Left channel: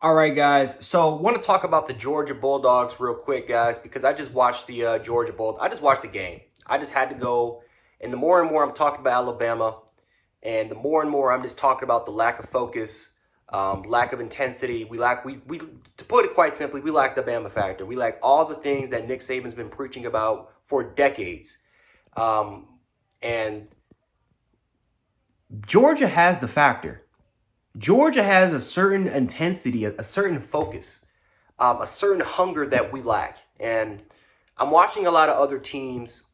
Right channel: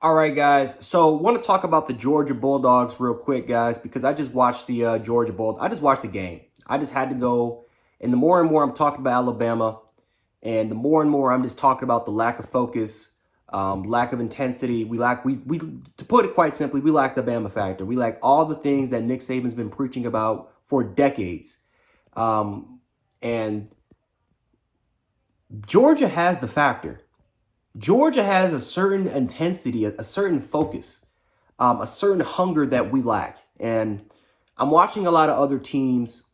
All right, guys. So, want to talk about the Georgia Bulldogs real quick, guys, because I just watched the Georgia Bulldogs. I just watched the game. I just had to go, and the more and more I'm talking about Alabama, and the more and more I'm just talking about the lack of focus, lack of intensity. We to put it quite simply, we lack the Bama factor. We lack all the things that Nick Saban's been preaching about for decades, and Georgia has the factor. Georgia has a certain intensity, a certain focus, a certain hunger that we lack. And I'm watching a lot of other teams,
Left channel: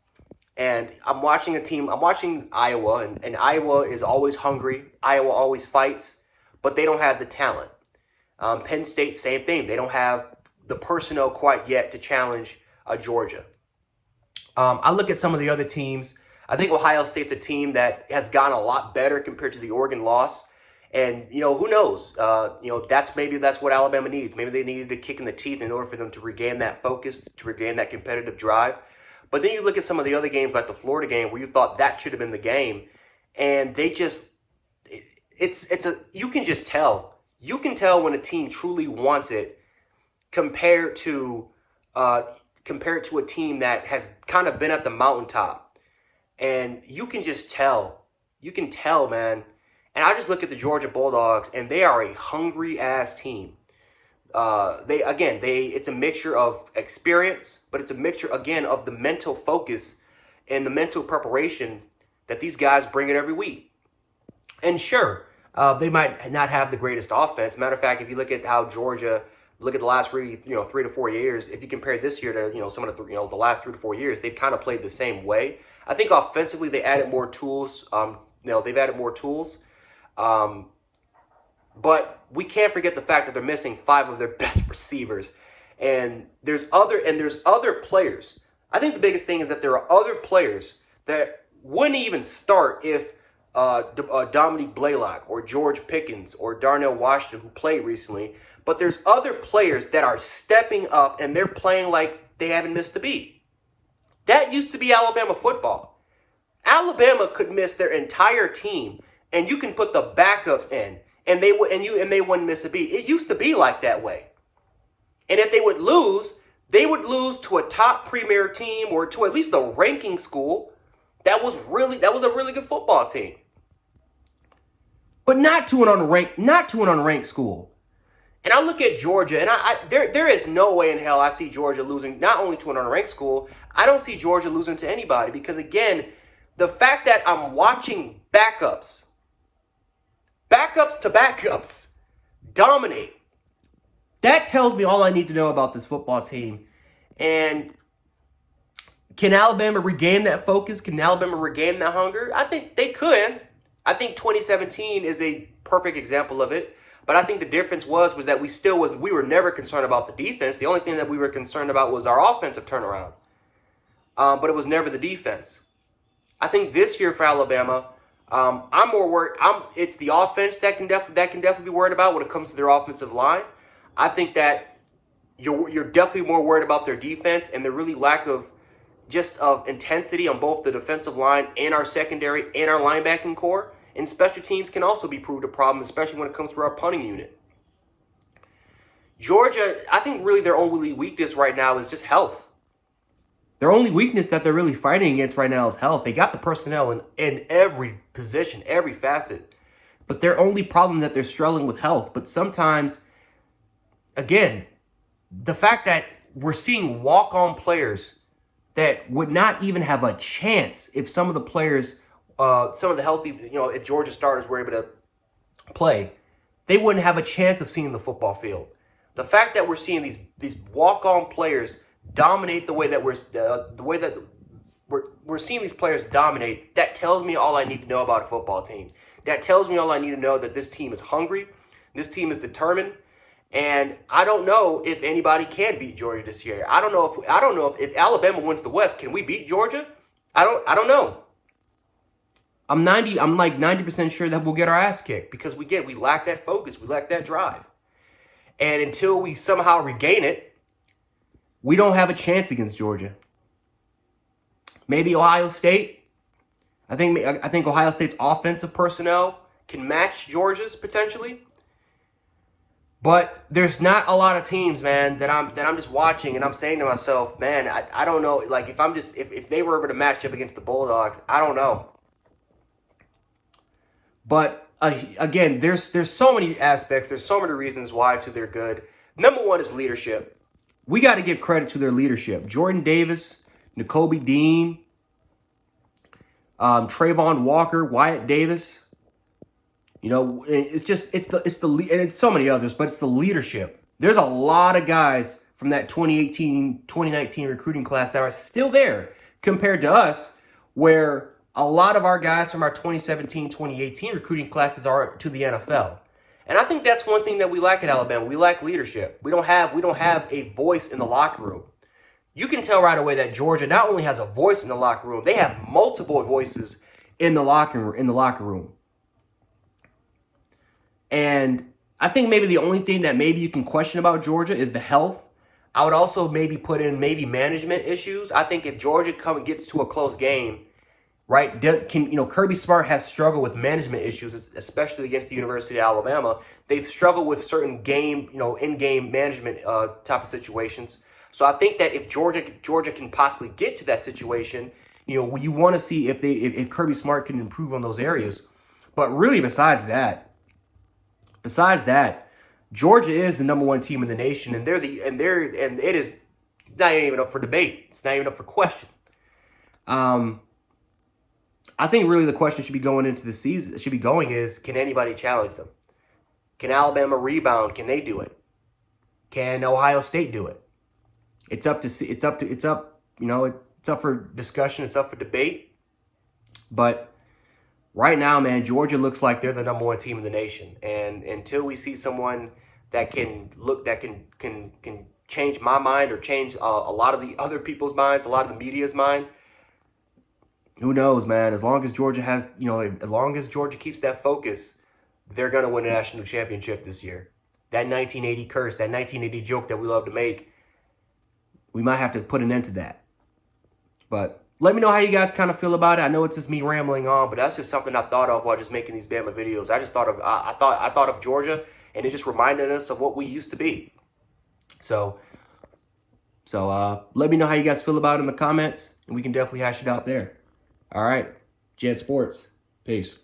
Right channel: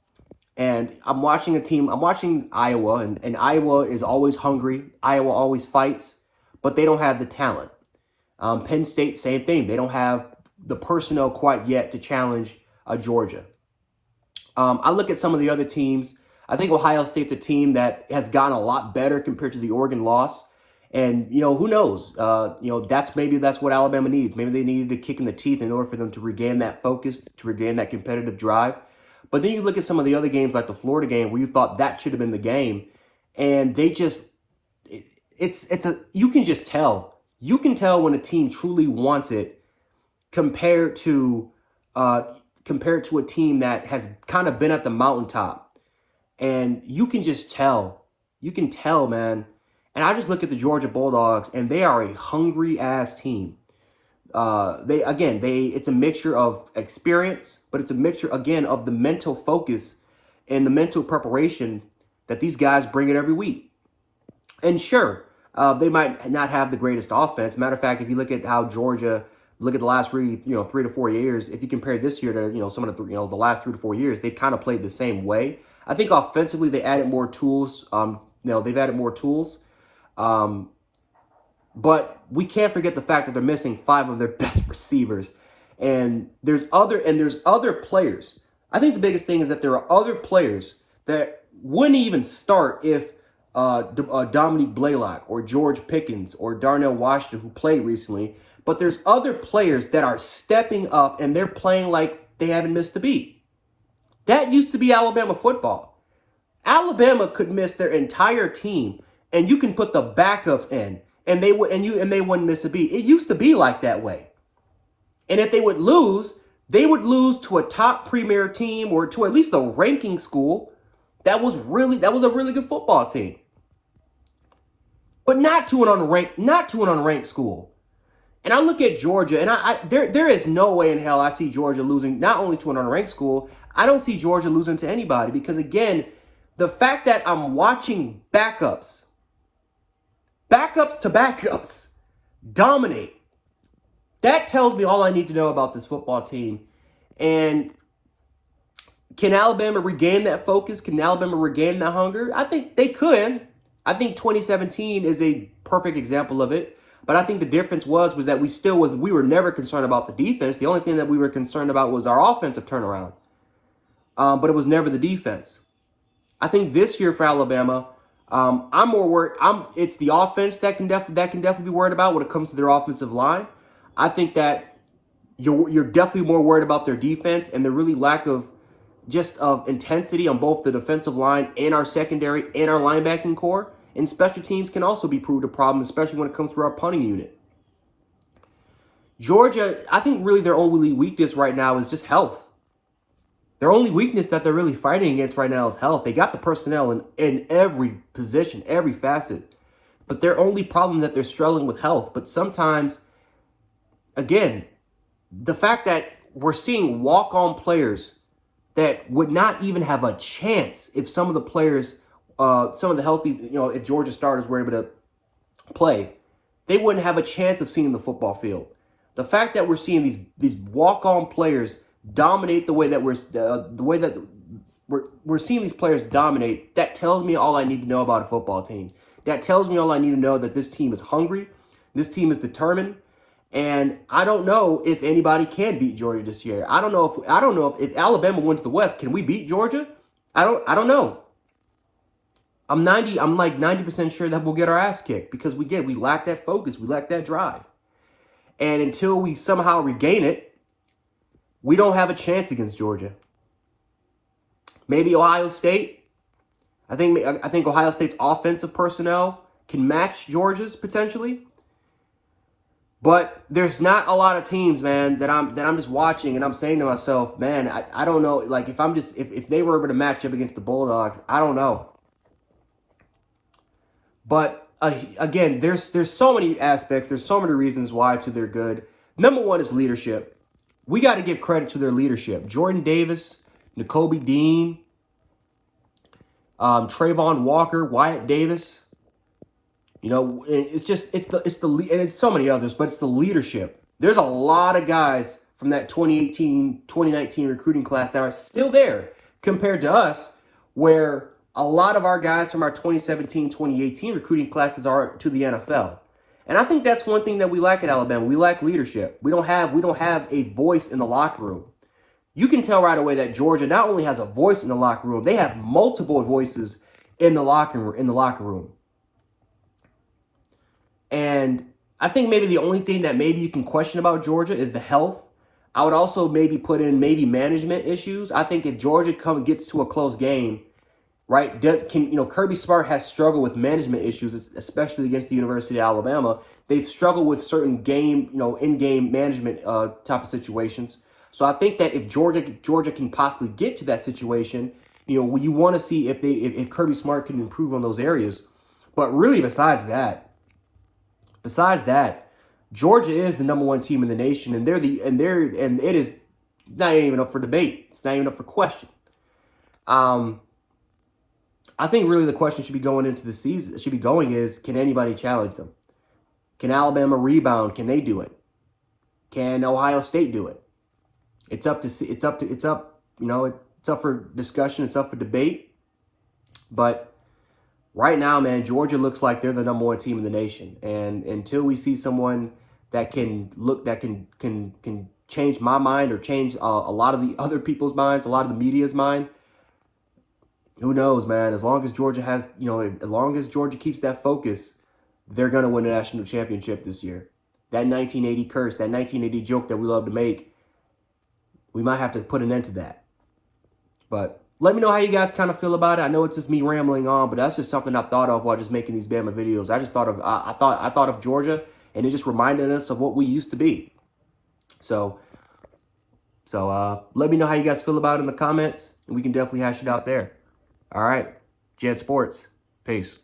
and I'm watching Iowa, and Iowa is always hungry. Iowa always fights, but they don't have the talent. Penn State, same thing. They don't have the personnel quite yet to challenge Georgia. I look at some of the other teams. I think Ohio State's a team that has gotten a lot better compared to the Oregon loss. And, who knows? That's what Alabama needs. Maybe they needed a kick in the teeth in order for them to regain that focus, to regain that competitive drive. But then you look at some of the other games, like the Florida game, where you thought that should have been the game, and they just, you can just tell. You can tell when a team truly wants it compared to, compared to a team that has kind of been at the mountaintop, and you can just tell. You can tell, man. And I just look at the Georgia Bulldogs, and they are a hungry ass team. It's a mixture of experience, but it's a mixture again of the mental focus and the mental preparation that these guys bring it every week. And sure, they might not have the greatest offense. Matter of fact, if you look at how Georgia, look at the last 3 to 4 years, if you compare this year to some of the last 3 to 4 years, they've kind of played the same way. I think offensively they added more tools. They've added more tools. But we can't forget the fact that they're missing five of their best receivers. And there's other players. I think the biggest thing is that there are other players that wouldn't even start if Dominique Blaylock or George Pickens or Darnell Washington, who played recently. But there's other players that are stepping up, and they're playing like they haven't missed a beat. That used to be Alabama football. Alabama could miss their entire team, and you can put the backups in, and they wouldn't miss a beat. It used to be like that way. And if they would lose to a top premier team or to at least a ranking school that was a really good football team. But not to an unranked school. And I look at Georgia, and there is no way in hell I see Georgia losing not only to an unranked school. I don't see Georgia losing to anybody, because again, the fact that I'm watching backups to backups dominate, that tells me all I need to know about this football team. And can Alabama regain that focus? Can Alabama regain that hunger? I think they could. I think 2017 is a perfect example of it. But I think the difference was that we were never concerned about the defense. The only thing that we were concerned about was our offensive turnaround. But it was never the defense. I think this year for Alabama, I'm more worried. It's the offense that can definitely be worried about when it comes to their offensive line. I think that you're definitely more worried about their defense and the really lack of intensity on both the defensive line and our secondary and our linebacking core. And special teams can also be proved a problem, especially when it comes to our punting unit. Georgia, I think really their only weakness right now is just health. Their only weakness that they're really fighting against right now is health. They got the personnel in every position, every facet. But their only problem is that they're struggling with health. But sometimes, again, the fact that we're seeing walk-on players that would not even have a chance if some of the players, some of the healthy, if Georgia starters were able to play, they wouldn't have a chance of seeing the football field. The fact that we're seeing these walk-on players dominate the way that we're seeing these players dominate, that tells me all I need to know about a football team. That tells me all I need to know, that this team is hungry, this team is determined, and I don't know if anybody can beat Georgia this year. I don't know if Alabama wins the West, can we beat Georgia? I don't know. I'm like 90% sure that we'll get our ass kicked, because we lack that focus, we lack that drive. And until we somehow regain it, we don't have a chance against Georgia. Maybe Ohio State. I think Ohio State's offensive personnel can match Georgia's potentially. But there's not a lot of teams, man, that I'm just watching and I'm saying to myself, man, I don't know. Like if they were able to match up against the Bulldogs, I don't know. But again, there's so many aspects, there's so many reasons why they're good. Number one is leadership. We got to give credit to their leadership. Jordan Davis, Nakobe Dean, Trayvon Walker, Wyatt Davis. You know, it's and it's so many others, but it's the leadership. There's a lot of guys from that 2018, 2019 recruiting class that are still there compared to us, where a lot of our guys from our 2017, 2018 recruiting classes are to the NFL. And I think that's one thing that we lack at Alabama. We lack leadership. We don't have a voice in the locker room. You can tell right away that Georgia not only has a voice in the locker room, they have multiple voices in the locker room. And I think maybe the only thing that maybe you can question about Georgia is the health. I would also maybe put in maybe management issues. I think if Georgia gets to a close game, right, Kirby Smart has struggled with management issues, especially against the University of Alabama. They've struggled with certain game, in-game management type of situations. So I think that if Georgia can possibly get to that situation, you want to see if Kirby Smart can improve on those areas. But really, besides that, Georgia is the number one team in the nation, and it is not even up for debate. It's not even up for question. I think really the question should be going into the season is, can anybody challenge them? Can Alabama rebound? Can they do it? Can Ohio State do it? It's up for discussion. It's up for debate. But right now, man, Georgia looks like they're the number one team in the nation. And until we see someone that can change my mind or change a lot of the other people's minds, a lot of the media's mind, who knows, man? As long as Georgia keeps that focus, they're going to win a national championship this year. That 1980 curse, that 1980 joke that we love to make, we might have to put an end to that. But let me know how you guys kind of feel about it. I know it's just me rambling on, but that's just something I thought of while just making these Bama videos. I just thought of I thought of Georgia, and it just reminded us of what we used to be. So let me know how you guys feel about it in the comments, and we can definitely hash it out there. All right, Jet Sports. Peace.